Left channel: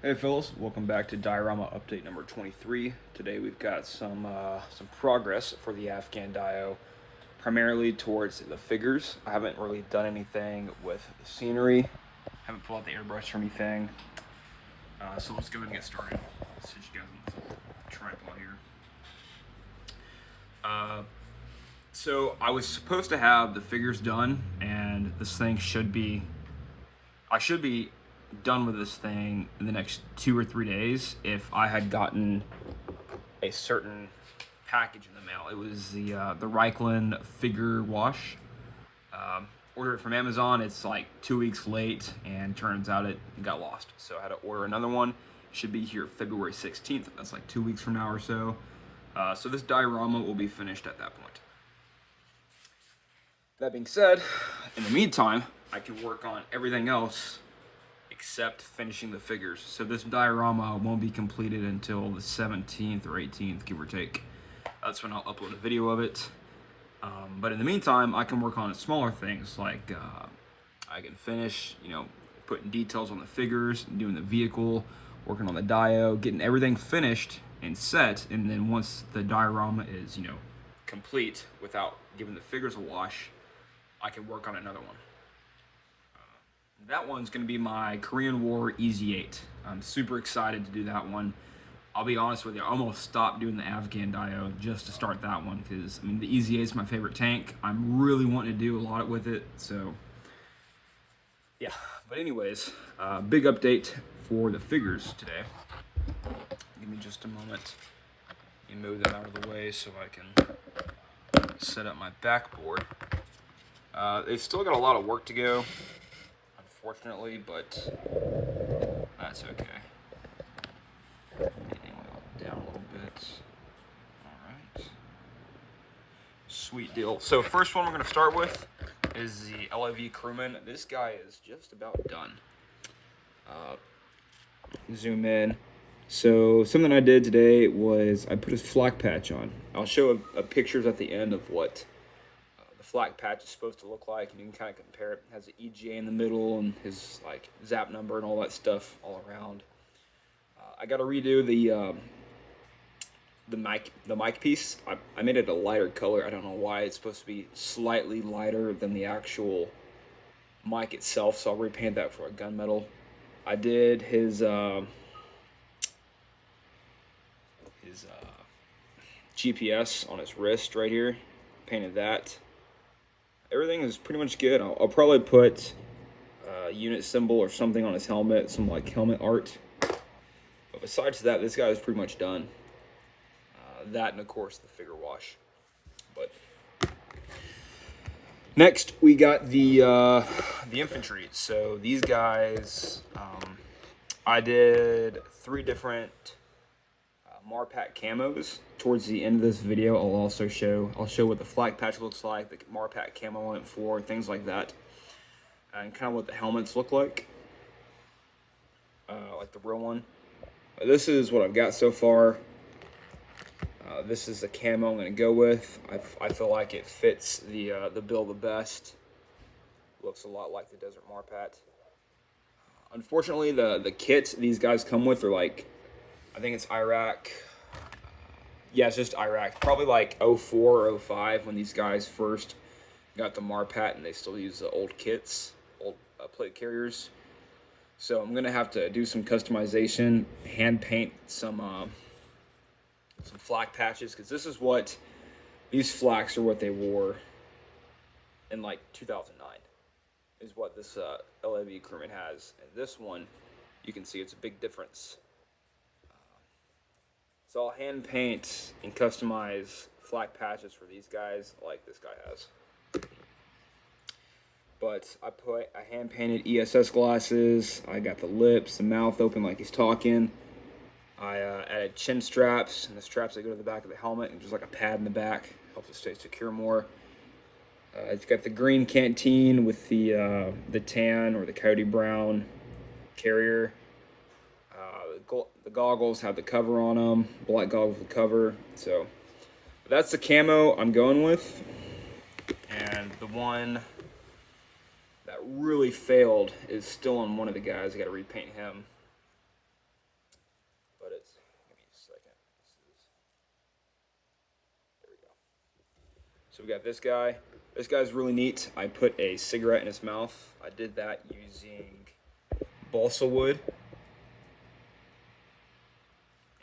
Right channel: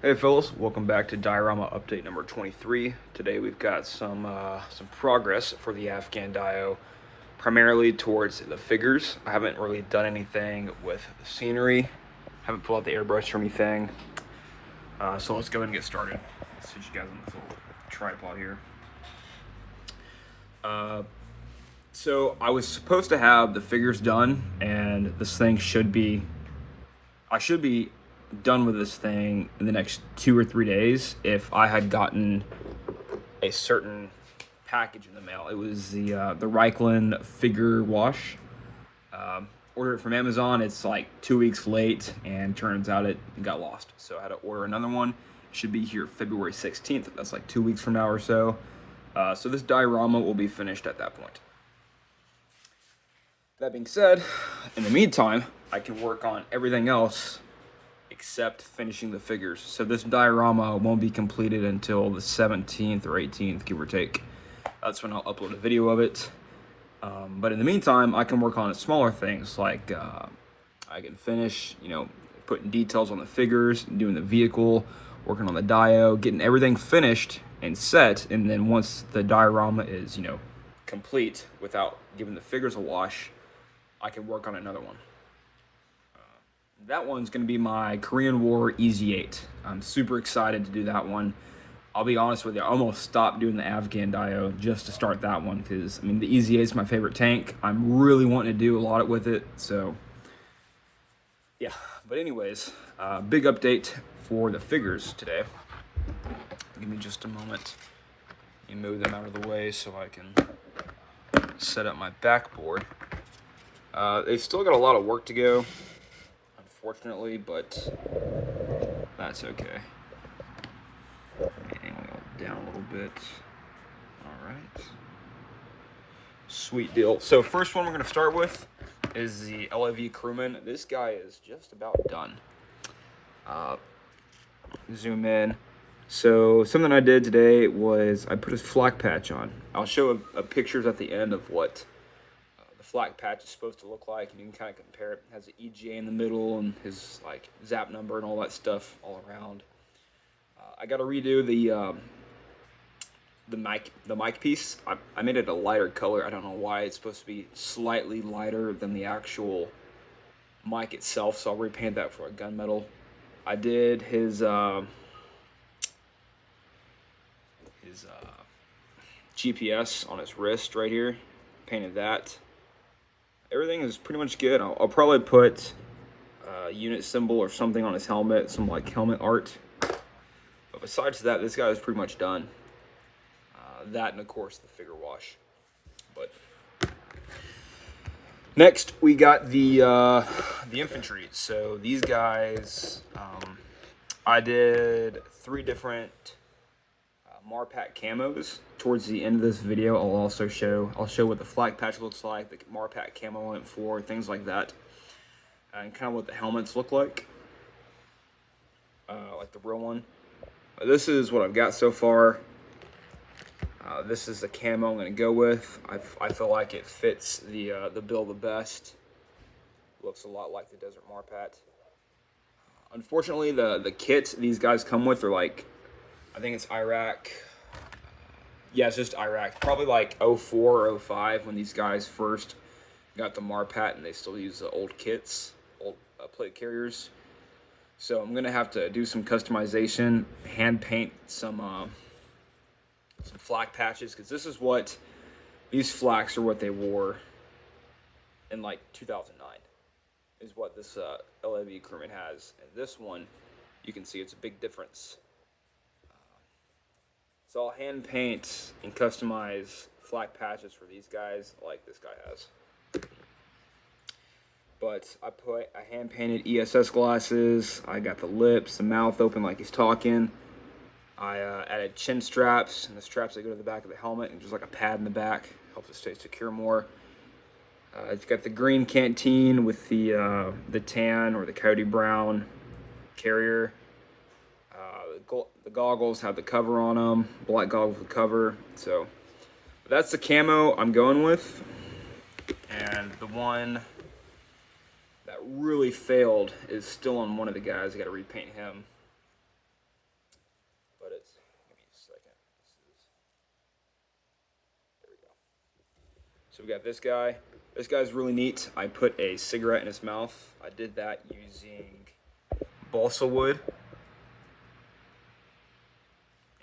Hey fellas, welcome back to diorama update number 23. Today we've got some progress for the Afghan DIO, primarily towards the figures. I haven't really done anything with scenery, haven't pulled out the airbrush or anything. So let's go ahead and get started. Let's sit you guys on this little tripod here. So I was supposed to have the figures done, and this thing I should be done with this thing in the next 2 or 3 days if I had gotten a certain package in the mail. It was the Reichland figure wash. Ordered it from Amazon. It's like 2 weeks late, and turns out it got lost. So I had to order another one. It should be here February 16th. That's like 2 weeks from now or so. So this diorama will be finished at that point. That being said, in the meantime, I can work on everything else except finishing the figures. So this diorama won't be completed until the 17th or 18th, give or take. That's when I'll upload a video of it. But in the meantime, I can work on smaller things like I can finish, putting details on the figures, doing the vehicle, working on the DIO, getting everything finished and set. And then once the diorama is, complete without giving the figures a wash, I can work on another one. That one's going to be my Korean War EZ8. I'm super excited to do that one. I'll be honest with you, I almost stopped doing the Afghan DIO just to start that one because, the EZ8 is my favorite tank. I'm really wanting to do a lot with it, so yeah. But anyways, big update for the figures today. Give me just a moment. Let me move them out of the way so I can set up my backboard. They've still got a lot of work to go, unfortunately, but that's okay. And we'll go down a little bit. All right. Sweet deal. So first one we're going to start with is the Lav Crewman. This guy is just about done. Zoom in. So something I did today was I put his flak patch on. I'll show a pictures at the end of what the flak patch is supposed to look like, and you can kind of compare it. It has the EGA in the middle and his like zap number and all that stuff all around. I got to redo the mic piece. I made it a lighter color. I don't know why. It's supposed to be slightly lighter than the actual mic itself, so I'll repaint that for a gunmetal. I did his GPS on his wrist right here. Painted that. Everything is pretty much good. I'll probably put a unit symbol or something on his helmet, some like helmet art. But besides that, this guy is pretty much done. That and of course the figure wash. But next we got the infantry. So these guys, I did 3 different Marpat camos. Towards the end of this video, I'll show what the Flak Patch looks like, the Marpat camo on it for, things like that, and kind of what the helmets look like the real one. This is what I've got so far. This is the camo I'm going to go with. I feel like it fits the bill the best. Looks a lot like the Desert Marpat. Unfortunately, the kit these guys come with are like, I think it's Iraq. Yeah, it's just Iraq. Probably like 04 or 05 when these guys first got the Marpat, and they still use the old kits, old plate carriers. So I'm gonna have to do some customization, hand paint some flak patches, because this is what these flaks are what they wore in like 2009. Is what this Lav Crewman has, and this one you can see it's a big difference. So I'll hand paint and customize flak patches for these guys like this guy has. But I hand painted ESS glasses. I got the lips, the mouth open like he's talking. I added chin straps, and the straps that go to the back of the helmet, and just like a pad in the back. Helps it stay secure more. It's got the green canteen with the tan or the coyote brown carrier. The goggles have the cover on them, black goggles with cover. So that's the camo I'm going with. And the one that really failed is still on one of the guys. I got to repaint him. So we got this guy. This guy's really neat. I put a cigarette in his mouth. I did that using balsa wood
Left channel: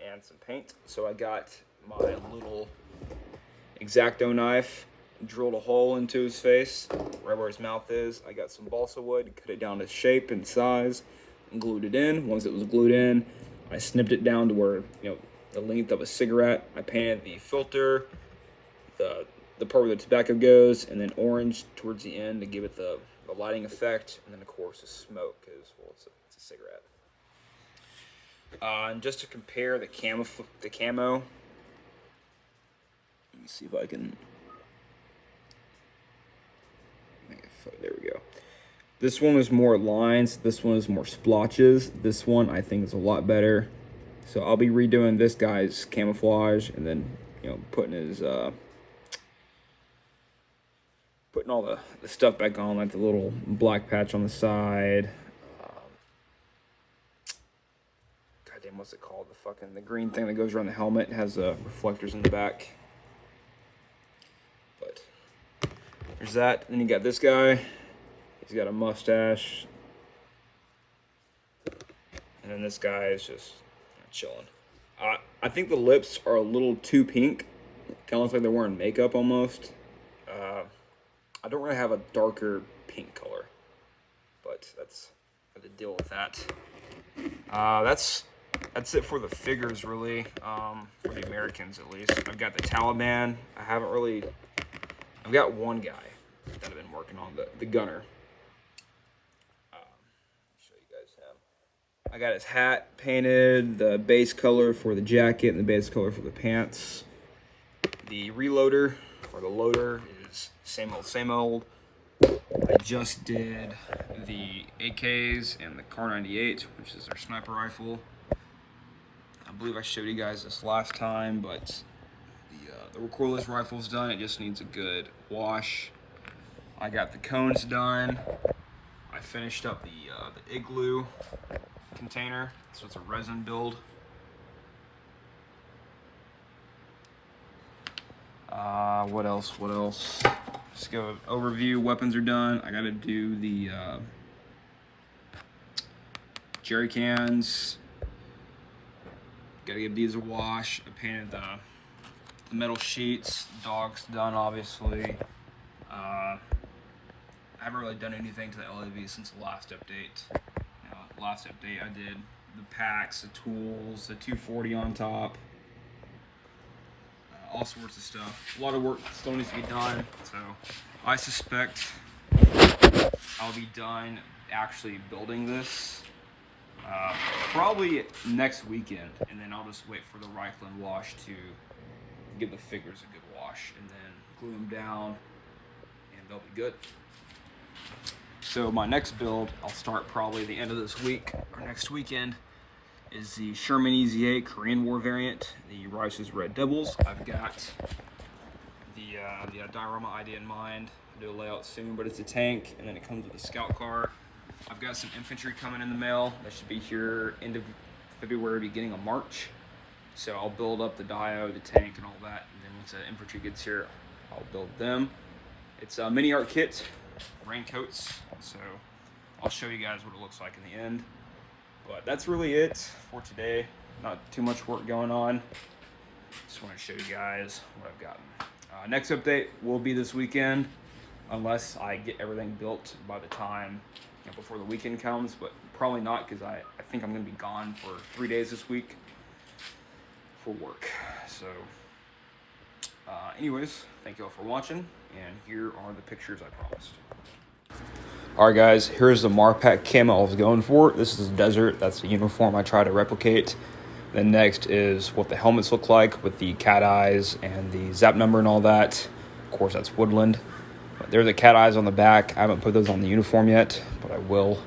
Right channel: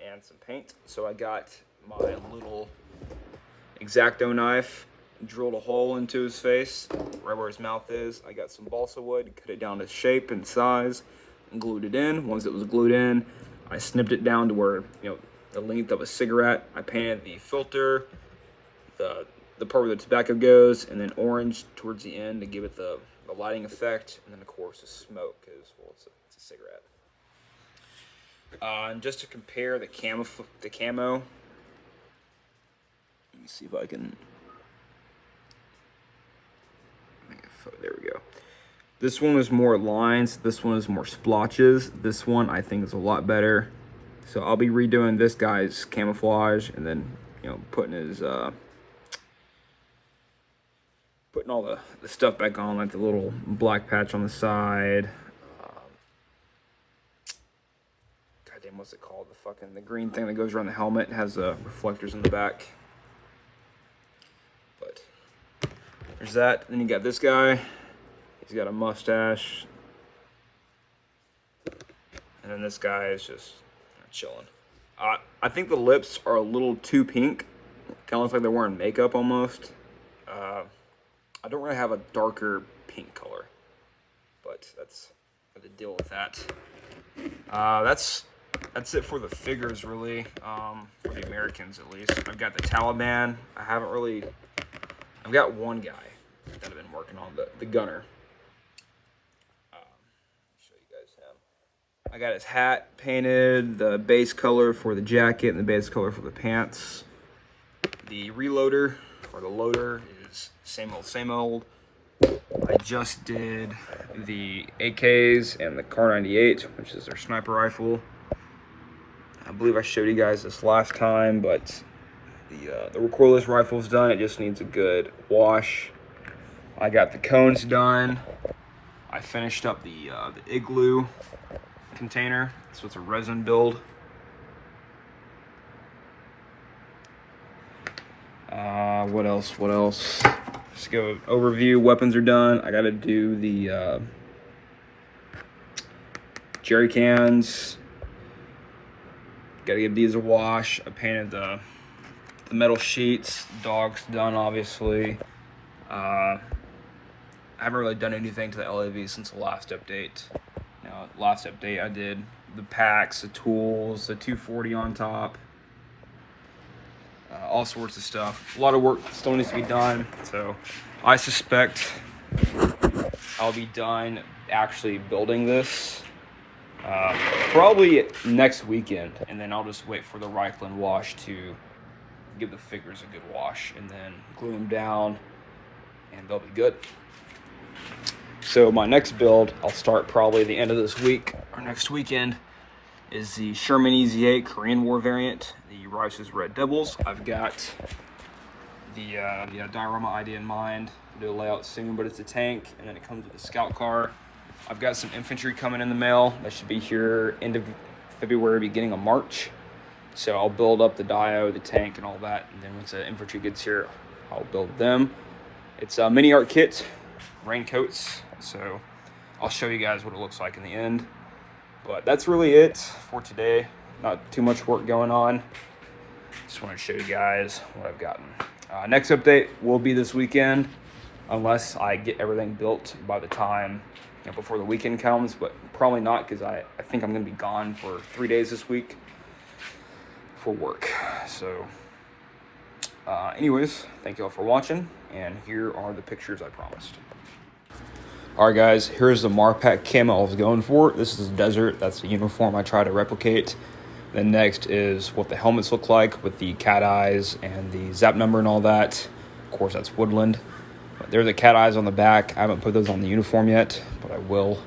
and some paint. So I got my little X-Acto knife, drilled a hole into his face, right where his mouth is. I got some balsa wood, cut it down to shape and size, and glued it in. Once it was glued in, I snipped it down to where, the length of a cigarette. I painted the filter, the part where the tobacco goes, and then orange towards the end to give it the lighting effect, and then of course the smoke, because it's a cigarette. And just to compare the camo, let me see if I can make a photo. There we go. This one is more lines. This one is more splotches. This one I think is a lot better. So I'll be redoing this guy's camouflage, and then putting his putting all the stuff back on, like the little black patch on the side. Goddamn, what's it called? The green thing that goes around the helmet. It has reflectors in the back. But there's that. Then you got this guy. He's got a mustache. And then this guy is just chilling. I think the lips are a little too pink. Kind of looks like they're wearing makeup almost. I don't really have a darker pink color, but that's the deal with that. That's it for the figures, really, for the Americans at least. I've got the Taliban. I've got one guy that I've been working on, the gunner. Show you guys him. I got his hat painted, the base color for the jacket, and the base color for the pants. The reloader, or the loader, is same old. I just did the AKs and the Kar-98, which is their sniper rifle. I believe I showed you guys this last time, but the recoilless rifle's done. It just needs a good wash. I got the cones done. I finished up the igloo container, so it's a resin build. What else? Just go overview. Weapons are done. I gotta do the jerry cans. Gotta give these a wash. I painted the metal sheets. Dog's done, obviously. I haven't really done anything to the LAV since the last update. Last update I did the packs, the tools, the 240 on top. All sorts of stuff. A lot of work still needs to be done, so I suspect I'll be done actually building this probably next weekend, and then I'll just wait for the rifle and wash to give the figures a good wash, and then glue them down, and they'll be good. So my next build, I'll start probably the end of this week or next weekend, is the Sherman EZ8 Korean War variant, the Rice's Red Devils. I've got the diorama idea in mind. I'll do a layout soon, but it's a tank, and then it comes with a scout car. I've got some infantry coming in the mail. That should be here end of February, beginning of March. So I'll build up the DIO, the tank, and all that, and then once the infantry gets here, I'll build them. It's a mini art kit, raincoats, so I'll show you guys what it looks like in the end. But that's really it for today. Not too much work going on. Just want to show you guys what I've gotten. Next update will be this weekend, unless I get everything built by the time before the weekend comes, but probably not, because I think I'm going to be gone for 3 days this week for work. So anyways, thank you all for watching, and here are the pictures I promised. All right, guys, here's the Marpack camo I was going for. This is desert. That's the uniform I try to replicate. Then next is what the helmets look like with the cat eyes and the zap number and all that. Of course, that's woodland. But there are the cat eyes on the back. I haven't put those on the uniform yet, but I will.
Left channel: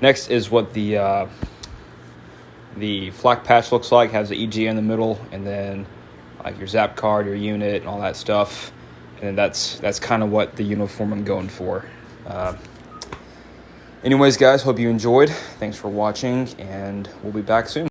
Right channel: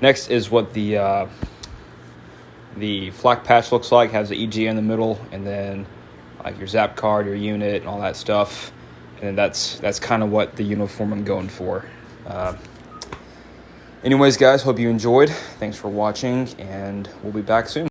Next is what the flak patch looks like. Has the EG in the middle, and then like your zap card, your unit, and all that stuff. And that's kind of what the uniform I'm going for. Anyways, guys, hope you enjoyed. Thanks for watching, and we'll be back soon.